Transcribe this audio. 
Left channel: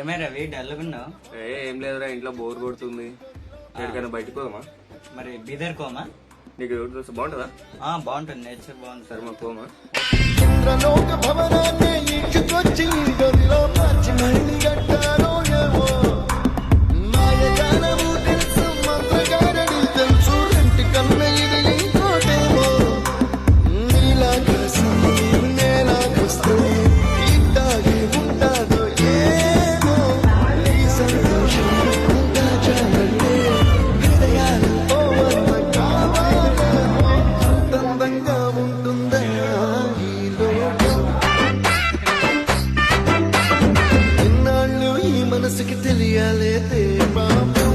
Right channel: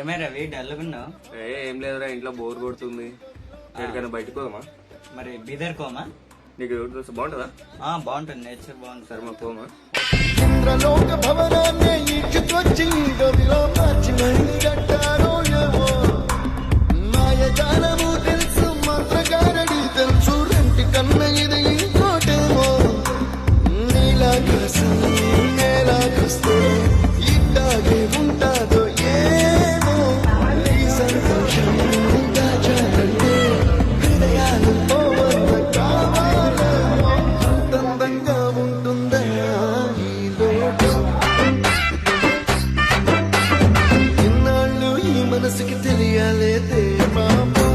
ఏమే రవి డల్లుగున్నావు? ఏం లేదురా, ఇంట్లో బోర్ కొడుతుంది. ఎక్కడికైనా బయటకు పోదామా? మరి బీదర్ కోమా? నీకు బాగుంటుందా? బాగుంటుంది, నేచర్ బాగుంటుంది. సరే మా పోమా. ఇంద్రలోక భవనాన్ని ఈడ్చుకొచ్చి గదిలో మార్చి మళ్ళీ కట్టారో ఏమో. మాయజాలము తెలుసు, మంత్రగారడి తెలుసు, రెంటి కన్న ఇది ఇంకోటేమో. నీలాకాశం నేలాకొస్తే ఇట్టాగే ఉంటాదో ఏమో. ఈ సంతోషం దాచాలంటే హృదయాలు ఓ వంద కావాలేమో. అంతందంగా ఉంటుందా ఈ లోకం? ఇన్నాళ్ళు ఈ మనసుకి తెలియాలేదే పాపం.